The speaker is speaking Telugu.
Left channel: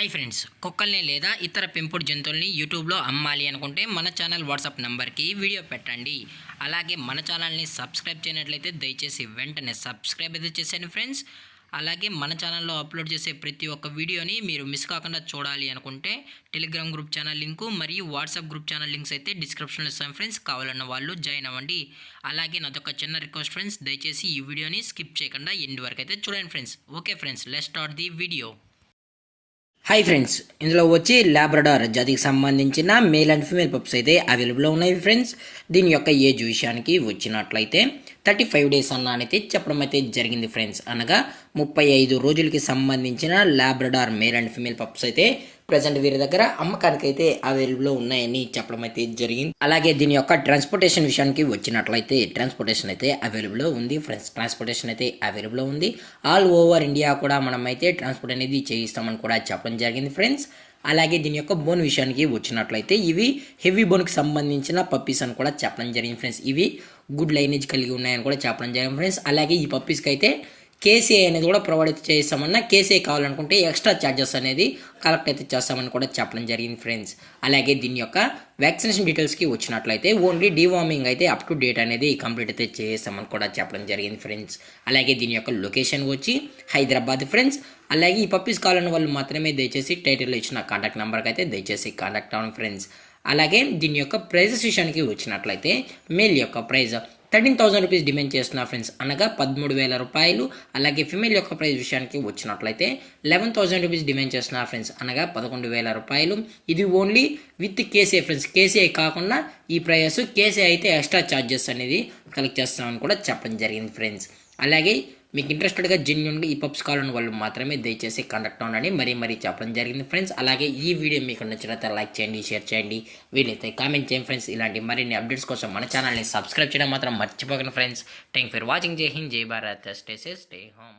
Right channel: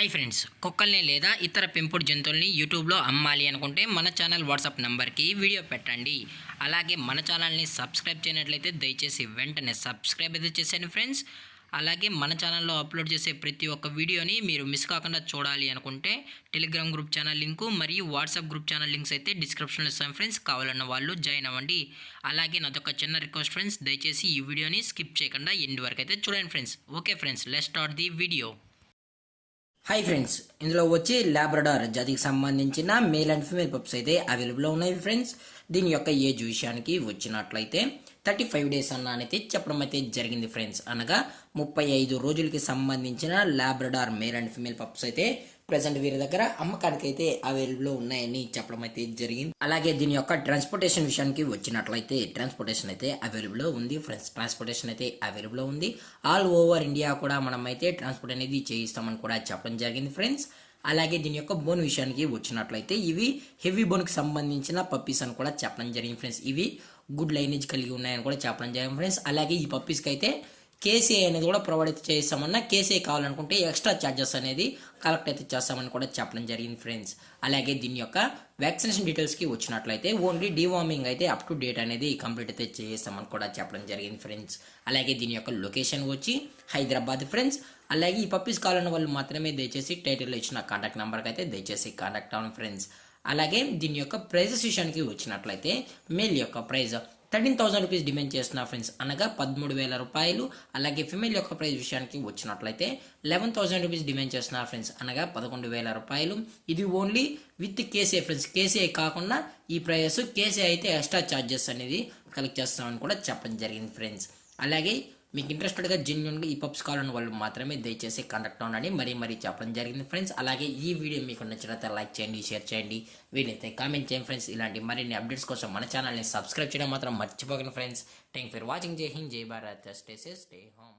హాయ్ ఫ్రెండ్స్, కుక్కల్ని లేదా ఇతర పెంపుడు జంతువుల్ని యూట్యూబ్లో అమ్మాలి అనుకుంటే మన ఛానల్ వాట్సాప్ నెంబర్కి వీడియో పెట్టండి. అలాగే మన ఛానల్ని సబ్స్క్రైబ్ చేయనట్లయితే దయచేసి వెంటనే సబ్స్క్రైబ్ అయితే చేసేయండి ఫ్రెండ్స్. అలాగే మన ఛానల్లో అప్లోడ్ చేసే ప్రతి ఒక్క వీడియోని మీరు మిస్ కాకుండా చూడాలి అనుకుంటే టెలిగ్రామ్ గ్రూప్ ఛానల్ లింకు మరియు వాట్సాప్ గ్రూప్ ఛానల్ లింక్స్ అయితే డిస్క్రిప్షన్లో ఇస్తాను ఫ్రెండ్స్. కావాలన్న వాళ్ళు జాయిన్ అవ్వండి. అలాగే నాదొక చిన్న రిక్వెస్ట్ ఫ్రెండ్స్, దయచేసి ఈ వీడియోని స్కిప్ చేయకుండా ఎండ్ వరకు అయితే చూడండి friends. Okay friends, let's start the video. Hi friends, ఇందులో వచ్చి లాబ్రడార్ జాతికి సంబంధించిన మేల్ అండ్ ఫీమేల్ పప్స్ అయితే అవైలబుల్లో ఉన్నాయి ఫ్రెండ్స్. దీని యొక్క ఏజ్ విషయానికి వచ్చినట్లయితే 35 డేస్ అయితే చెప్పడం అయితే జరిగింది ఫ్రెండ్స్. అనగా 35 రోజులకి సంబంధించిన Labrador male and female pups అయితే ప్రజెంట్ వీరి దగ్గర అమ్మకానికి అయితే అవైలబుల్లో ఉన్నాయని చెప్పడం అయితే జరిగింది. అలాగే దీని యొక్క ట్రాన్స్పోర్టేషన్ విషయానికి వచ్చినట్లయితే ట్రాన్స్పోర్టేషన్ అయితే అవైలబుల్లో ఉంది ఫ్రెండ్స్. ట్రాన్స్పోర్టేషన్ అయితే అవైలబుల్లో ఉంది. ఆల్ ఓవర్ ఇండియా కూడా మనం అయితే ట్రాన్స్పోర్ట్ అనేది చేయిస్తామని కూడా చెప్పడం జరిగింది ఫ్రెండ్స్. అలాగే దీని యొక్క బోన్ విషయానికి వచ్చినట్లయితే ఇవి హెవీ బోన్కి సంబంధించిన పప్పీస్ అని కూడా చెప్పడం జరిగింది ఫ్రెండ్స్. ఇవి గుడ్ లైనేజ్ కలిగి ఉన్నాయని కూడా చెప్పడం జరిగింది ఫ్రెండ్స్. అలాగే ఈ పప్పీస్కి అయితే కేసీఐ అనేది కూడా ప్రొవైడ్ అయితే చేస్తామన్నా కేసీఐ కావాలనుకుంటే ఎక్స్ట్రా ఛార్జెస్ అనేది కలెక్ట్ అయితే చేస్తామని కూడా చెప్పడం జరిగింది ఫ్రెండ్స్. అలాగే దీని యొక్క వ్యాక్సినేషన్ డీటెయిల్స్కి వచ్చినట్లయితే ఓన్లీ డీవార్మింగ్ అయితే అప్ టు డేట్ అనేది కంప్లీట్ అయితే చేస్తామని కూడా చెప్పడం జరిగింది ఫ్రెండ్స్. అలాగే దీని యొక్క లొకేషన్ వచ్చి హైదరాబాద్ ఫ్రెండ్స్. అలాగే ఈ పప్పీస్ కావాలన్న వాళ్ళు మాత్రమే దయచేసి టైటిల్లో ఇచ్చిన కాంటాక్ట్ నెంబర్కి అయితే దయచేసి కాంటాక్ట్ అవ్వండి ఫ్రెండ్స్. అలాగే దీని యొక్క ప్రైజెస్ విషయానికి వచ్చినట్లయితే మేల్ యొక్క ప్రైజ్ 13,000 రూపీస్ డిమాండ్ చేస్తున్నా ఫ్రెండ్స్, అనగా 13,000 రూపాయలు. అలాగే ఫిమేల్ యొక్క ప్రైస్ విషయానికి వచ్చినట్లయితే 11,000 రూపీస్ డిమాండ్ చేస్తున్నా ఫ్రెండ్స్, అనగా 11,000 రూపాయలు. ఇది only with KCI friends. KCI కాకుండా ఈ ప్రైస్, కేసీఐ అయితే ఎక్స్ట్రా ఛార్జెస్ అనేది కలెక్ట్ చేస్తామని కూడా చెప్పడం జరిగింది ఫ్రెండ్స్. అలాగే మీకు ఇంట్రెస్టెడ్గా జెన్యున్గా ఈ పప్స్ కావాలని వాళ్ళు మాత్రమే దయచేసి కాంటాక్ట్ అవ్వండి మరీ చెప్పడం జరిగింది ఫ్రెండ్స్. అలాగే ఈ వీడియో మీకు నచ్చినట్లయితే లైక్ చేయండి, షేర్ చేయండి, వీలైతే కామెంట్ చేయండి ఫ్రెండ్స్. ఇలాంటి మరిన్ని అప్డేట్స్ కోసం మన ఛానల్ని సబ్స్క్రైబ్ చేయడం మాత్రం మర్చిపోకండి ఫ్రెండ్స్. Thank for watching. జై హింద్, జై Bharat, stay safe, stay home.